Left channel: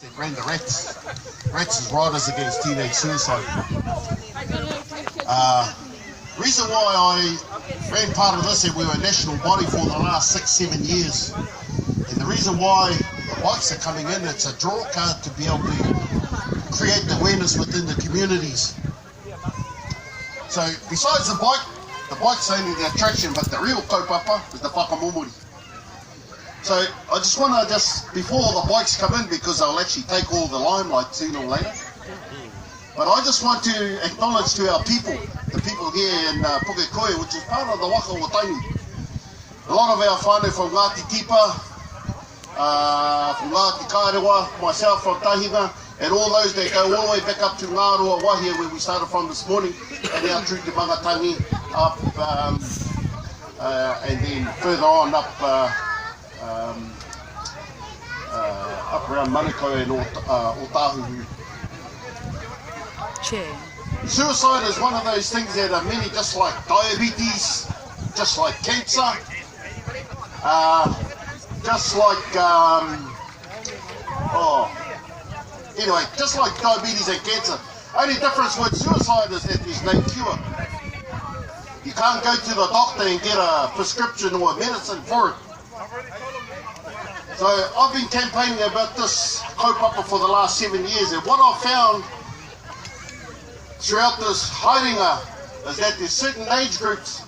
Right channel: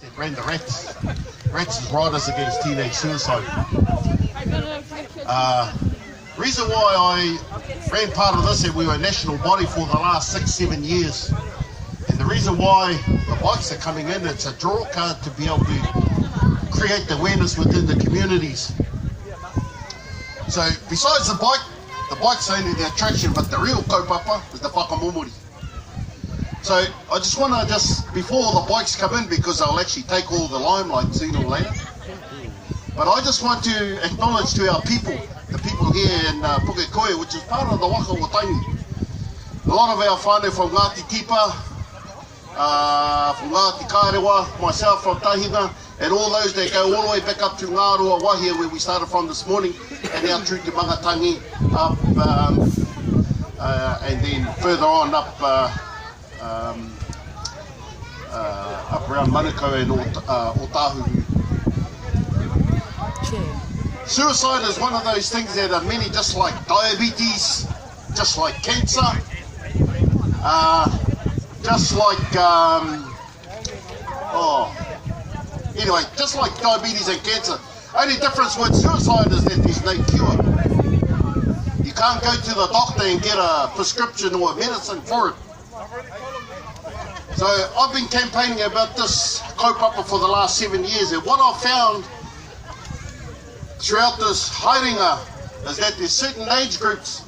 They ran the R.A.T.S. R.A.T.S is Riders Against Teenage Suicide. Reason why I ran part of this, and we were a national body for the last 6-7 years. And the reason why the bikes are coming in, it's a draw card to be able to create the awareness within the communities. So besides the bike's only the attraction, but the real kaupapa is the whakamomori. So I just want to before the bikes come in, because I'll actually take all the limelight sooner or later, but I just want to acknowledge to our people, the people here in Pukekohe, which is part of the waka o Taingi. A lot of our whānau from Ngāti Tipa, from Ngāti Kārewa, myself from Tahina, and all those that go all the way back up to Ngārua Wahia, where we started from this morning, and now through to Mangatangi, up, and then further on up around Manukau and Otahu. Suicide is one of those things that are many, just like diabetes, just like cancer, just like anyway, just like diabetes and cancer. Only difference with suicide is that there's no cure. You can't go to the doctor and get a prescription or a medicine for it. So I've been campaigning about this kaupapa for the last 7 years, and what I've found throughout this haerenga is that there's certain age groups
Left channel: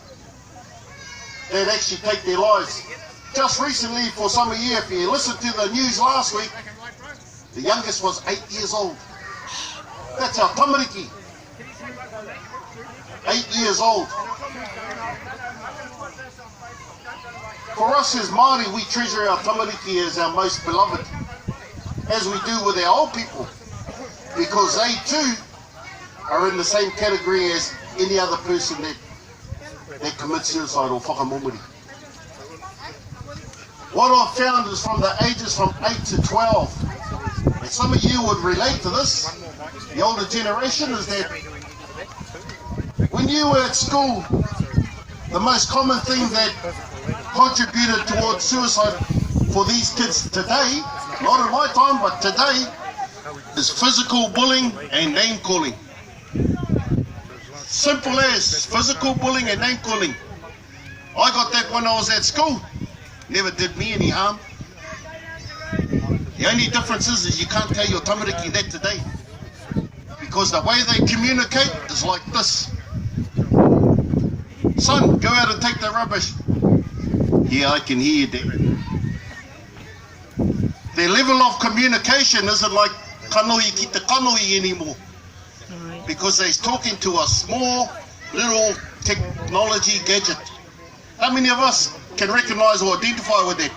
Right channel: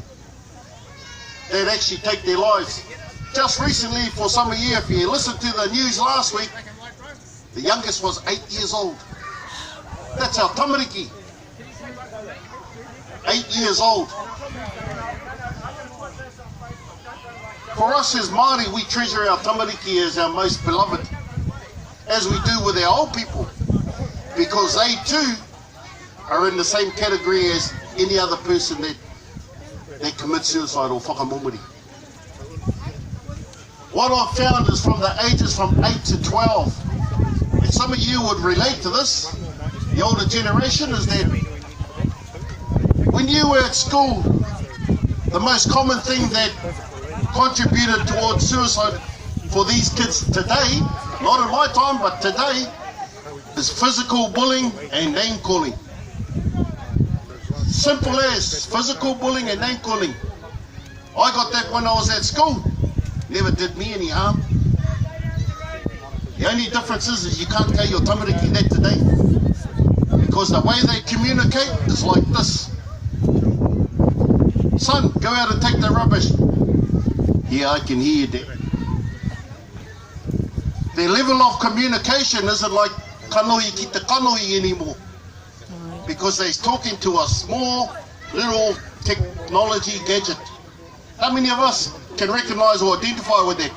that actually take their lives. Just recently, for some of you, if you listened to the news last week, the youngest was 8 years old. That's our tamariki. 8 years old. For us as Māori, we treasure our tamariki as our most beloved, as we do with our old people, because they too are in the same category as any other person that commits suicide or whakamomori. What I've found is from the ages from 8 to 12, and some of you would relate to this, the older generation, is that when you were at school, the most common thing that contributed towards suicide for these kids today, not in my time, but today, is physical bullying and name calling. Simple as physical bullying and name calling. I got that when I was at school. Never did me any harm. The only difference is you can't tell your tamariki that today, because the way they communicate is like this. Son, go out and take the rubbish. Yeah, I can hear that. Their level of communication isn't like kanoi ki te kanoi anymore, because they're talking to a small little technology gadget. How many of us can recognize or identify with that?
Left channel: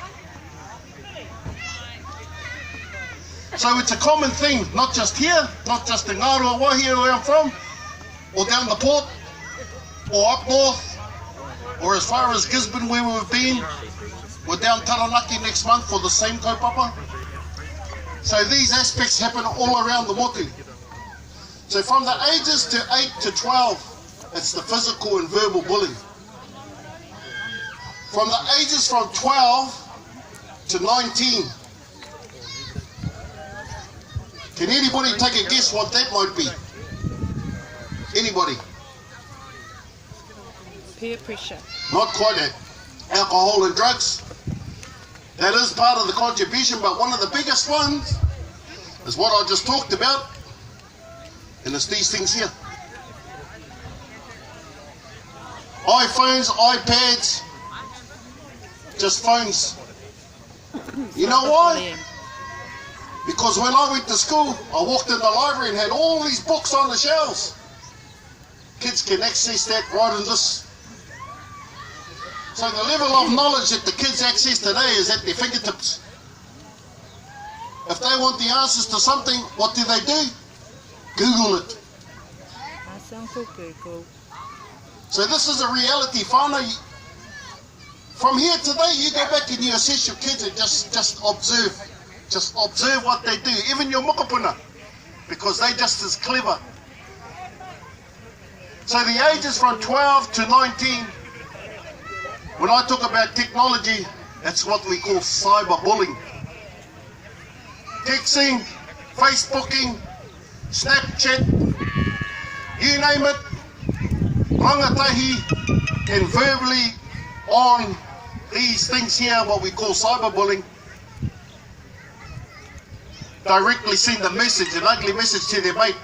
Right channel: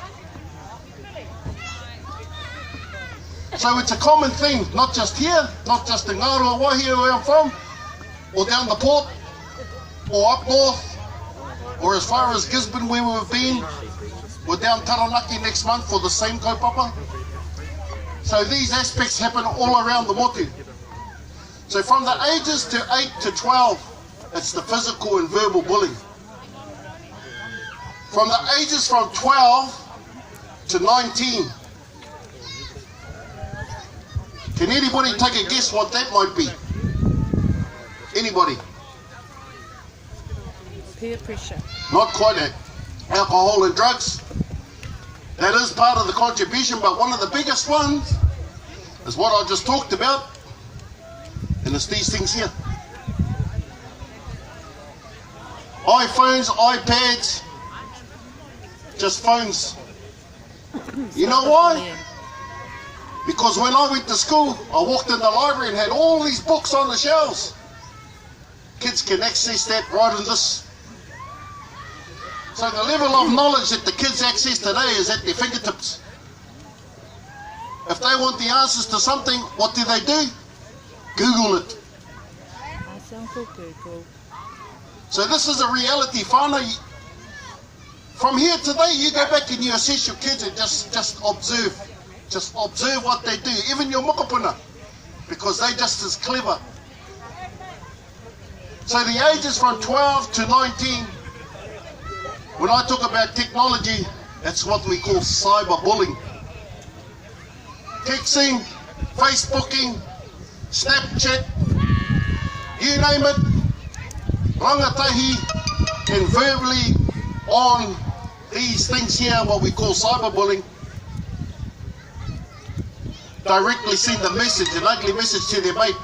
So it's a common thing, not just here, not just in Ngārua Wahia where I'm from, or down the port, or up north, or as far as Gisborne where we've been. We're down Taranaki next month for the same kaupapa. So these aspects happen all around the motu. So from the ages to 8 to 12, it's the physical and verbal bullying. From the ages from 12 to 19, can anybody take a guess what that might be? Anybody? Peer pressure. Not quite that. Alcohol and drugs. That is part of the contribution, but one of the biggest ones is what I just talked about, and it's these things here. iPhones, iPads, just phones. You know why? Because when I went to school, I walked in the library and had all these books on the shelves. Kids can access that right in this. So the level of knowledge that the kids access today is at their fingertips. If they want the answers to something, what do? Google it. So this is a reality. Whānau, from here today, you go back and you assess your kids and just observe. Just observe what they do, even your mokopuna, because they're just as clever. So the ages from 12 to 19, when I talk about technology, that's what we call cyberbullying. Texting, Facebooking, Snapchat, you name it, rangatahi, and verbally on these things here, what we call cyberbullying, directly send a message, an ugly message to their mate.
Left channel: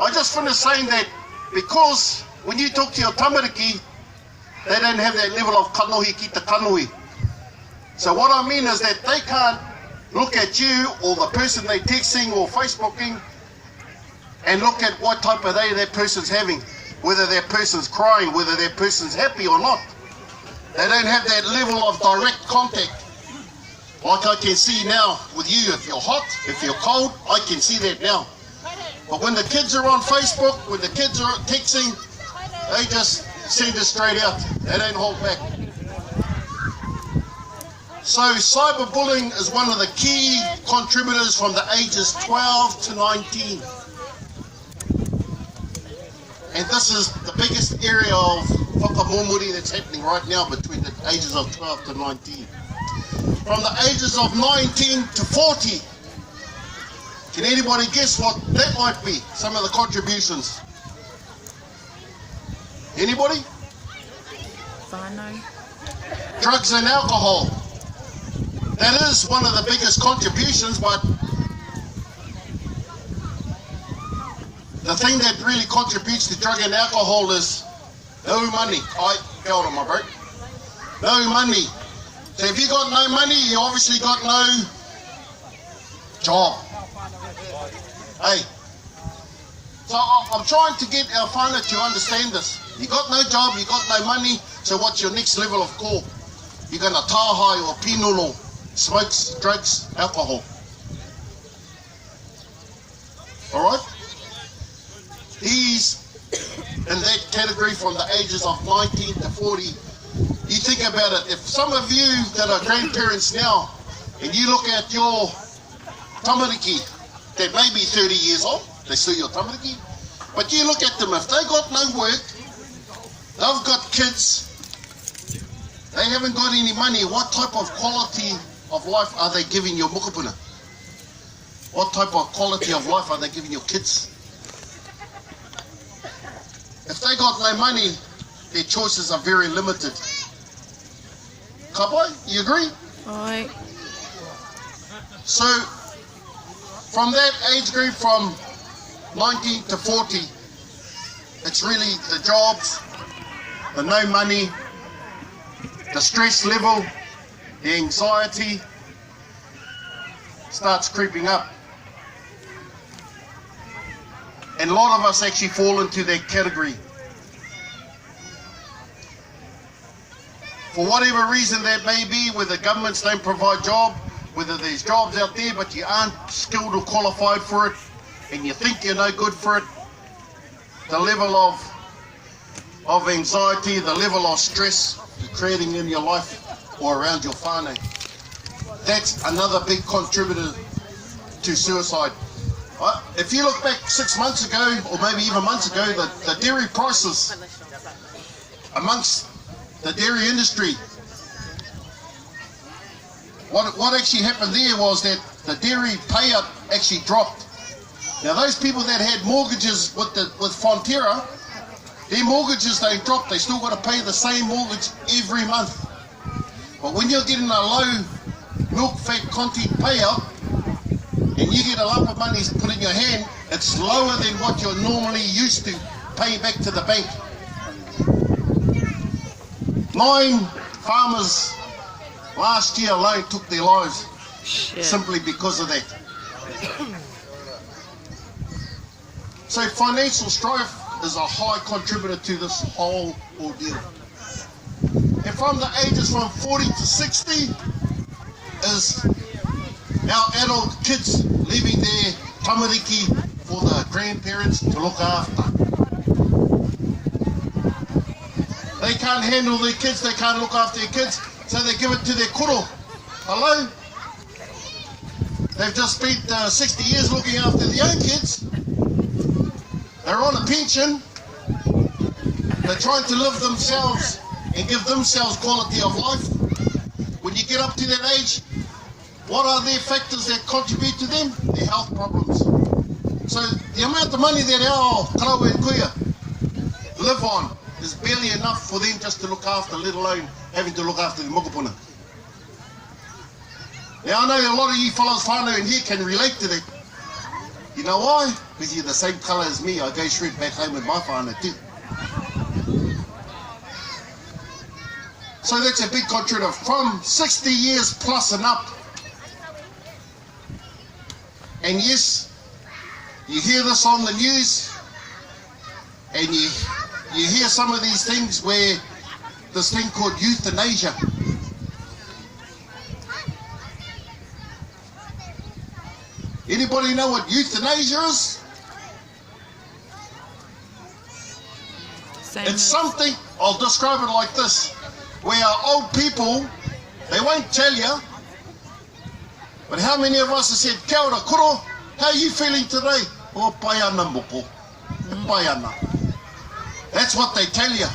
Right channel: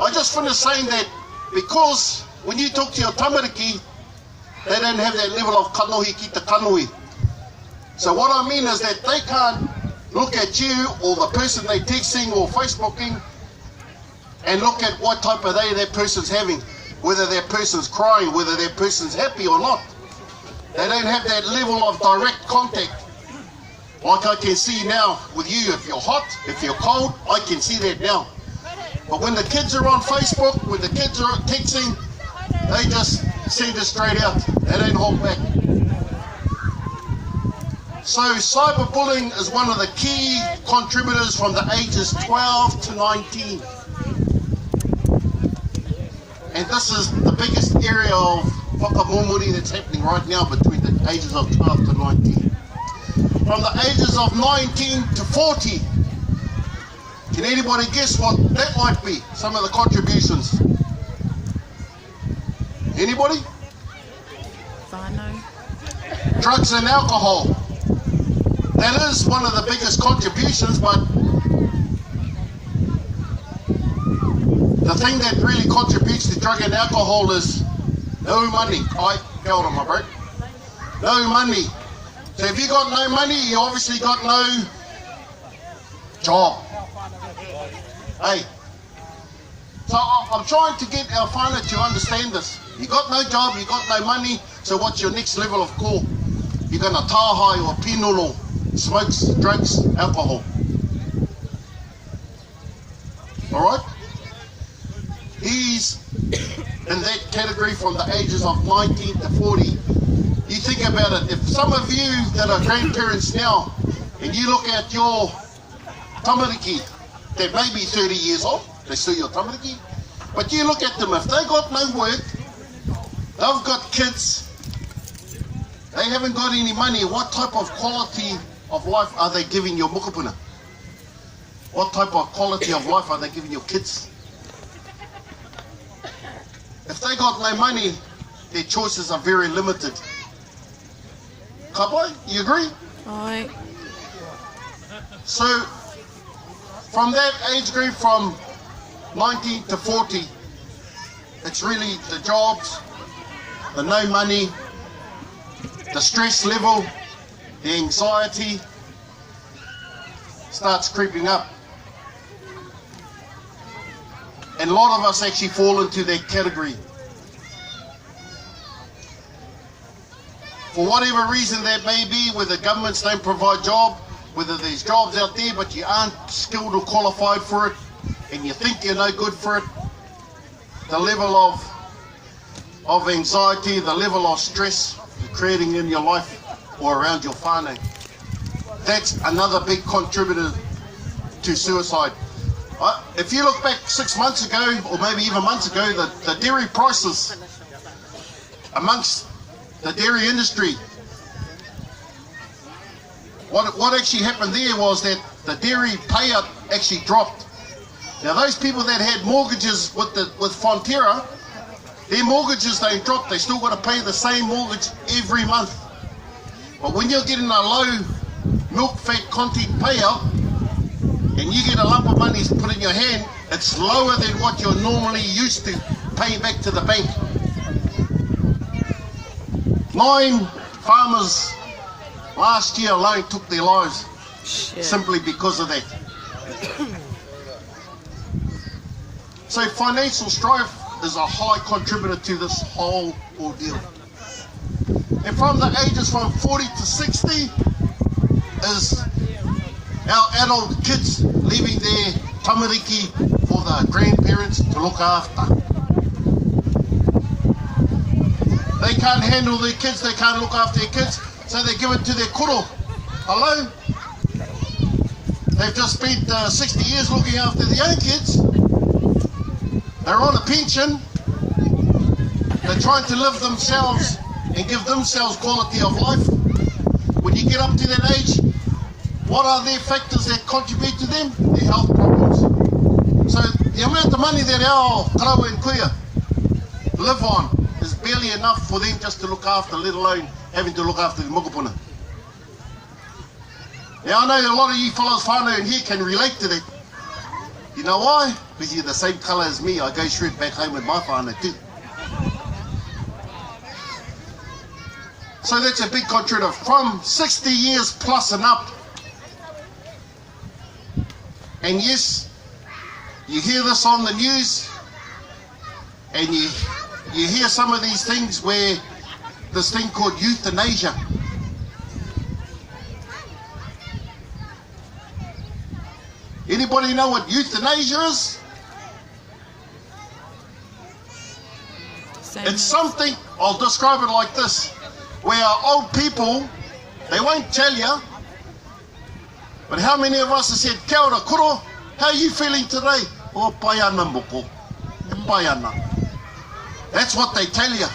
I just finished saying that because when you talk to your tamariki, they don't have that level of kanohi ki te kanohi. So what I mean is that they can't look at you or the person they're texting or Facebooking and look at what type of day that person's having, whether that person's crying, whether that person's happy or not. They don't have that level of direct contact. Like I can see now with you, if you're hot, if you're cold, I can see that now. But when the kids are on Facebook, when the kids are texting, they just send it straight out. They don't hold back. So cyberbullying is one of the key contributors from the ages 12 to 19. And this is the biggest area of whakamomori that's happening right now between the ages of 12 to 19. From the ages of 19 to 40, can anybody guess what that might be? Some of the contributions. Anybody? Whānau. Drugs and alcohol. That is one of the biggest contributions, but the thing that really contributes to drug and alcohol is no money. Kia ora, my bro. No money. So if you got no money, you obviously got no job. Hey. So I'm trying to get our whānau to understand this. You got no job, you got no money, so what's your next level of call? You're going to tāhai or pinolo, smokes, drugs, alcohol. Alright? He's in that category from the ages of 19 to 40. You think about it, if some of you that are grandparents now, and you look at your tamariki, that may be 30 years old, they still your tamariki, but you look at them, if they got no work, they've got kids, they haven't got any money, what type of quality of life are they giving your mokopuna? What type of quality of life are they giving your kids? If they got no money, their choices are very limited. Kapai, you agree? Aye. So, from that age group, from 19 to 40, it's really the jobs, the no money, the stress level, the anxiety starts creeping up. And a lot of us actually fall into that category. For whatever reason that may be, whether governments don't provide job, whether there's jobs out there but you aren't skilled or qualified for it, and you think you're no good for it, the level of anxiety, the level of stress you're creating in your life or around your whānau, that's another big contributor to suicide. If you look back 6 months ago, or maybe even months ago, the dairy prices amongst the dairy industry, what actually happened there was that the dairy payout actually dropped. Now those people that had mortgages with Fonterra, their mortgages they dropped, they still got to pay the same mortgage every month. But when you're getting a low milk fat content payout, and you get a lump of money put in your hand, it's lower than what you're normally used to paying back to the bank. 9 farmers last year alone took their lives simply because of that. So financial strife is a high contributor to this whole ordeal. And from the ages from 40 to 60 is our adult kids leaving their tamariki for the grandparents to look after. They can't handle their kids, they can't look after their kids, so they give it to their koro. Hello? They've just spent 60 years looking after their own kids. They're on a pension. They're trying to live themselves and give themselves quality of life. When you get up to that age, what are their factors that contribute to them? Their health problems. So the amount of money that our karawa and kuia live on is barely enough for them just to look after, let alone having to look after the mokopuna. Now I know a lot of you fellows whānau in here can relate to that. You know why? Because you're the same colour as me. I go straight back home with my whānau too. So that's a big contributor. From 60 years plus and up. And yes, you hear this on the news, and you hear some of these things where this thing called euthanasia. Anybody know what euthanasia is? It's something, I'll describe it like this, where old people, they won't tell you, but how many of us have said, kia ora koro, how are you feeling today? Oh, pai ana moko, pai ana. That's what they tell you.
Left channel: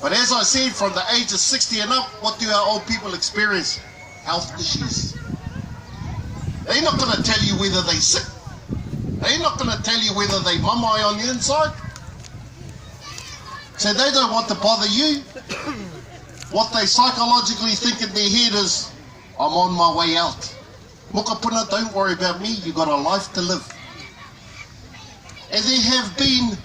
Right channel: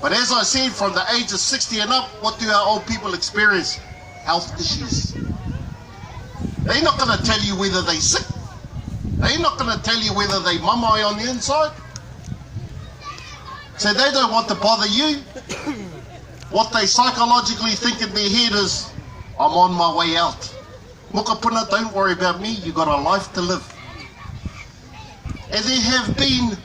But as I said, from the age of 60 and up, what do our old people experience? Health issues. They're not going to tell you whether they're sick. They're not going to tell you whether they mamai on the inside. So they don't want to bother you. What they psychologically think in their head is, I'm on my way out. Mokopuna, don't worry about me, you got a life to live. And there have been,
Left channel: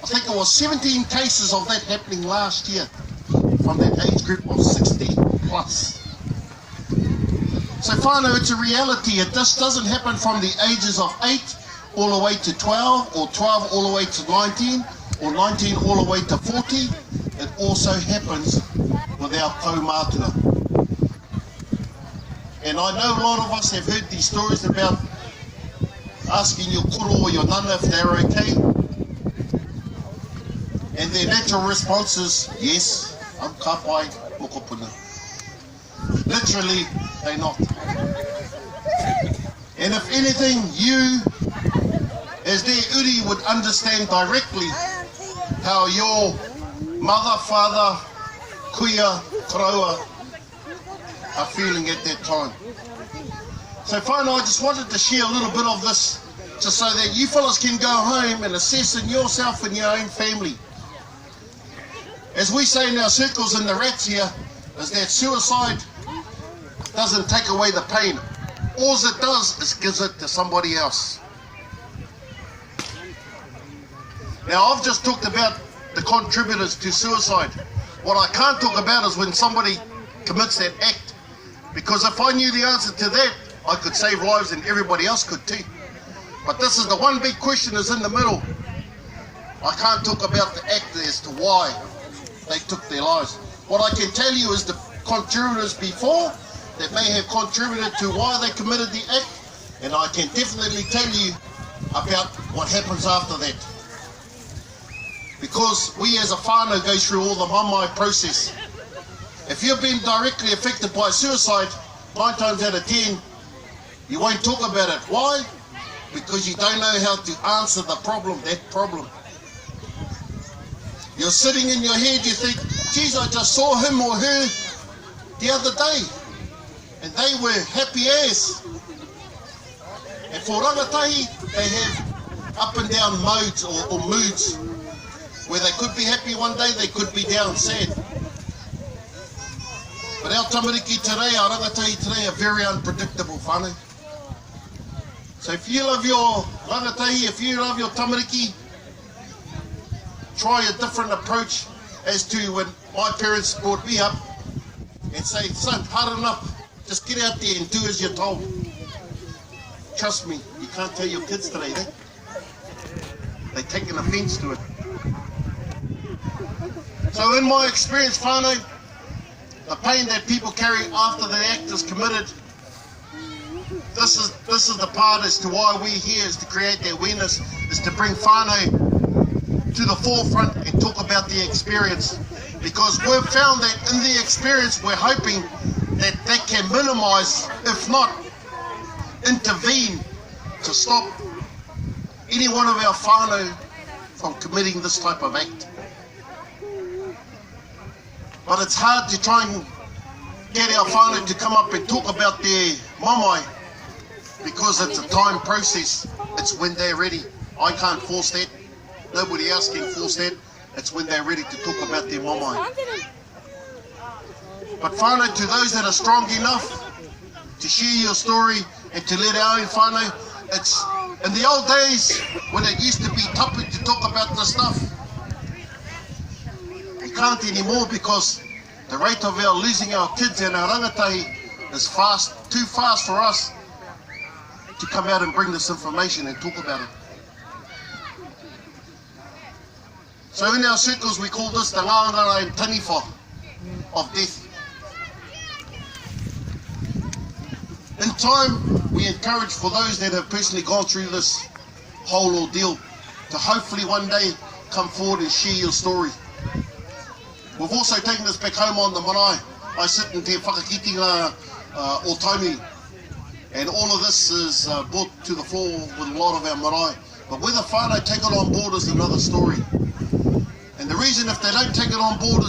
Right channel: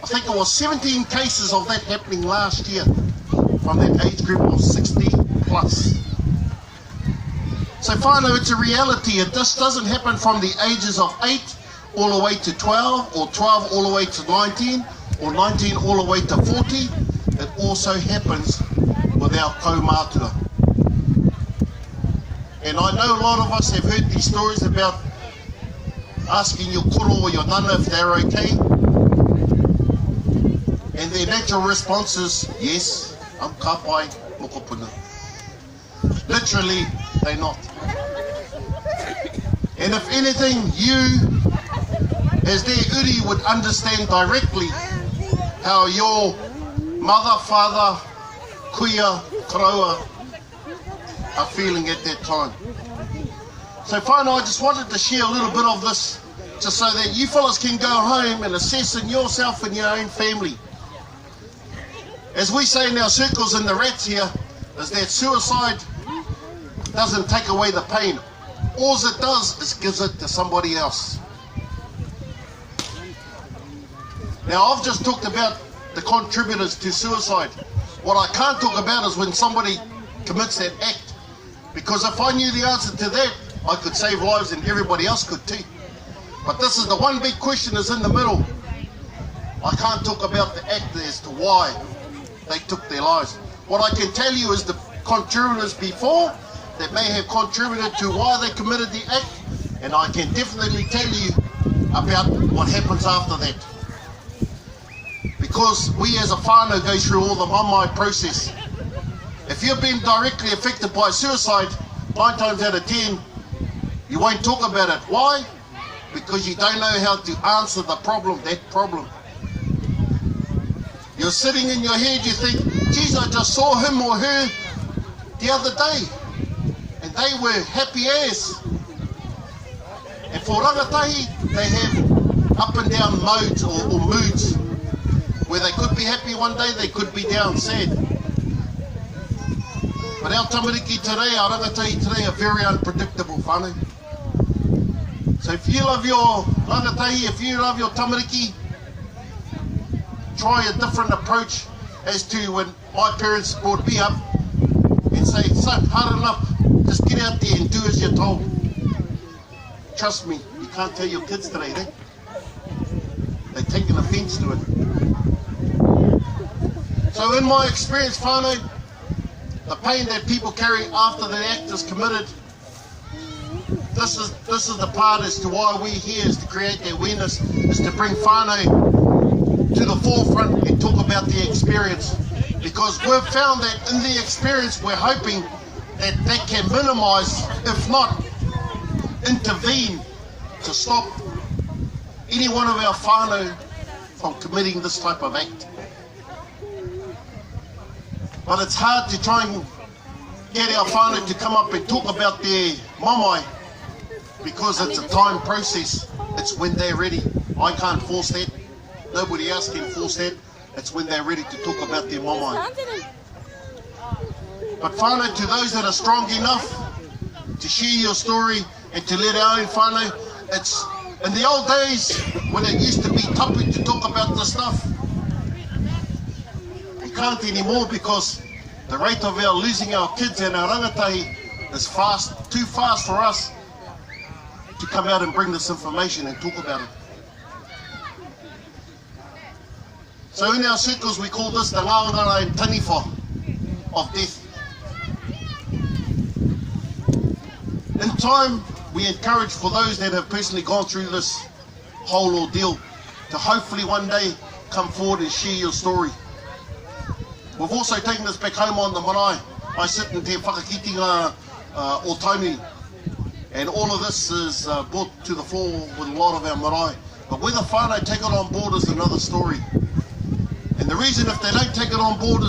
I think it was 17 cases of that happening last year from that age group of 60 plus. So whānau, it's a reality. It just doesn't happen from the ages of 8 all the way to 12, or 12 all the way to 19, or 19 all the way to 40. It also happens with our kaumātua. And I know a lot of us have heard these stories about asking your koro or your nana if they're okay. And their natural response is, yes, I'm ka pai mokopuna. Literally, they're not. And if anything, you, as their uri, would understand directly how your mother, father, kuia, karaua are feeling at that time. So whānau, I just wanted to share a little bit of this, just so that you fellas can go home and assess in yourself and your own family. As we say in our circles in the R.A.T.S here, is that suicide doesn't take away the pain. All it does is gives it to somebody else. Now, I've just talked about the contributors to suicide. What I can't talk about is when somebody commits that act. Because if I knew the answer to that, I could save lives and everybody else could too. But this is the one big question is in the middle. I can't talk about the act as to why they took their lives. What I can tell you is the contributors before that may have contributed to why they committed the act, and I can definitely tell you about what happens after that. Because we as a whānau go through all the mamai process. If you've been directly affected by suicide, 9 times out of 10, you won't talk about it. Why? Because you don't know how to answer the problem, that problem. You're sitting in your head, you think, geez, I just saw him or her the other day, and they were happy as. And for rangatahi, they have up and down modes or moods, where they could be happy one day, they could be down sad. But our tamariki today, our rangatahi today are very unpredictable, whānau. So if you love your rangatahi, if you love your tamariki, try a different approach as to when my parents brought me up and say, son, harden up, just get out there and do as you're told. Trust me, you can't tell your kids today that. They take an offence to it. So in my experience, whānau, the pain that people carry after the act is committed, this is the part as to why we're here, is to create the awareness, is to bring whānau to the forefront and talk about the experience. Because we've found that in the experience, we're hoping that that can minimise, if not intervene, to stop any one of our whānau from committing this type of act. But it's hard to try and get our whānau to come up and talk about their mamai because it's a time process. It's when they're ready. I can't force that. Nobody else can force that. It's when they're ready to talk about their mamae. But whānau, to those that are strong enough to share your story and to let our own whānau, it's in the old days when it used to be tapu to talk about this stuff. We can't anymore because the rate of our losing our kids and our rangatahi is too fast for us to come out and bring this information and talk about it. So in our circles we call this the ngāngara and taniwha of death. In time, we encourage for those that have personally gone through this whole ordeal to hopefully one day come forward and share your story. We've also taken this back home on the marae. I sit in te whakakitinga o Taunui, and all of this is brought to the fore with a lot of our marae. But whether whānau take it on board is another story. And the reason if they don't take it on board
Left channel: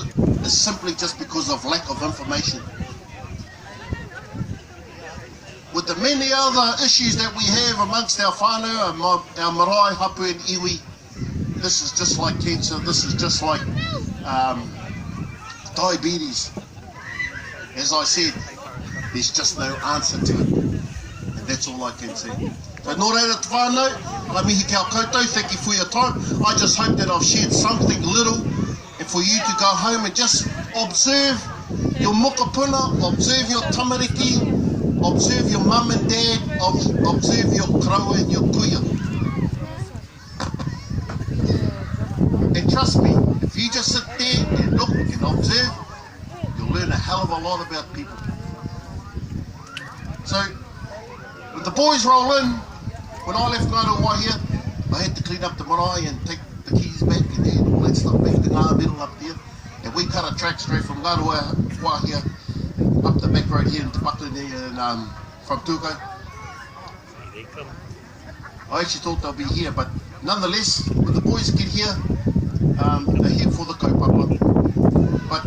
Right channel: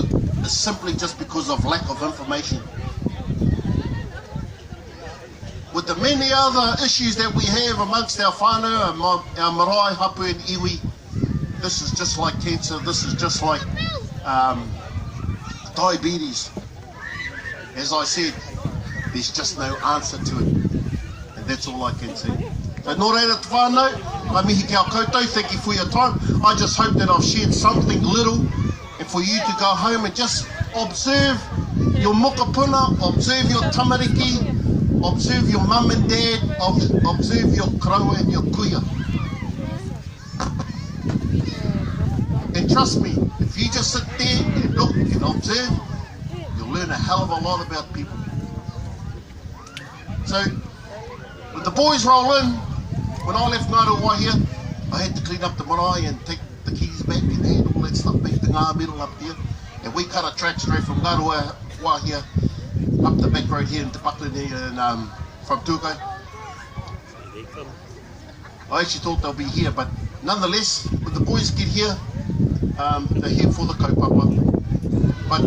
is simply just because of lack of information. With the many other issues that we have amongst our whānau, our marae, hapu and iwi, this is just like cancer, this is just like diabetes. As I said, there's just no answer to it. And that's all I can say. So nō reira te whānau, la mihi kia koutou, thank you for your time. I just hope that I've shared something little and for you to go home and just observe your mokopuna, observe your tamariki, observe your mum and dad, observe your kraua and your kuia. And trust me, if you just sit there and look and observe, you'll learn a hell of a lot about people. So, when the boys roll in, when I left Ngāruawā here, I had to clean up the marae and take the keys back and hand all that stuff back to Ngā Middle up there. And we cut a track straight from Ngāruawā here, up the back road here into Buckley and from Pukekohe. I actually thought they'll be here, but nonetheless, when the boys get here, they're here for the kaupapa. But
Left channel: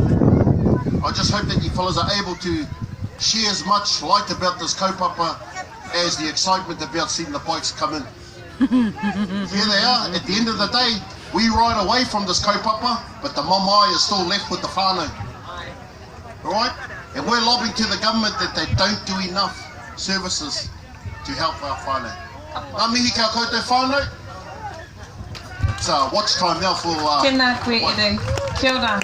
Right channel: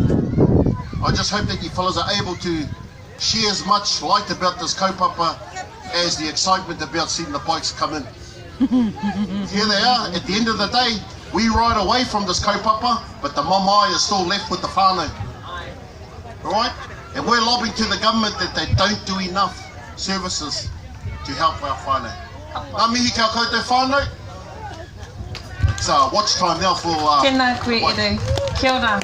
I just hope that you fellas are able to share as much light about this kaupapa as the excitement about seeing the bikes come in. Here they are. At the end of the day, we ride away from this kaupapa, but the mamae is still left with the whānau. Alright? And we're lobbying to the government that they don't do enough services to help our whānau. Ngā mihi kia koutou whānau. It's watch time now for... Tēnā koe Edu. Kia ora.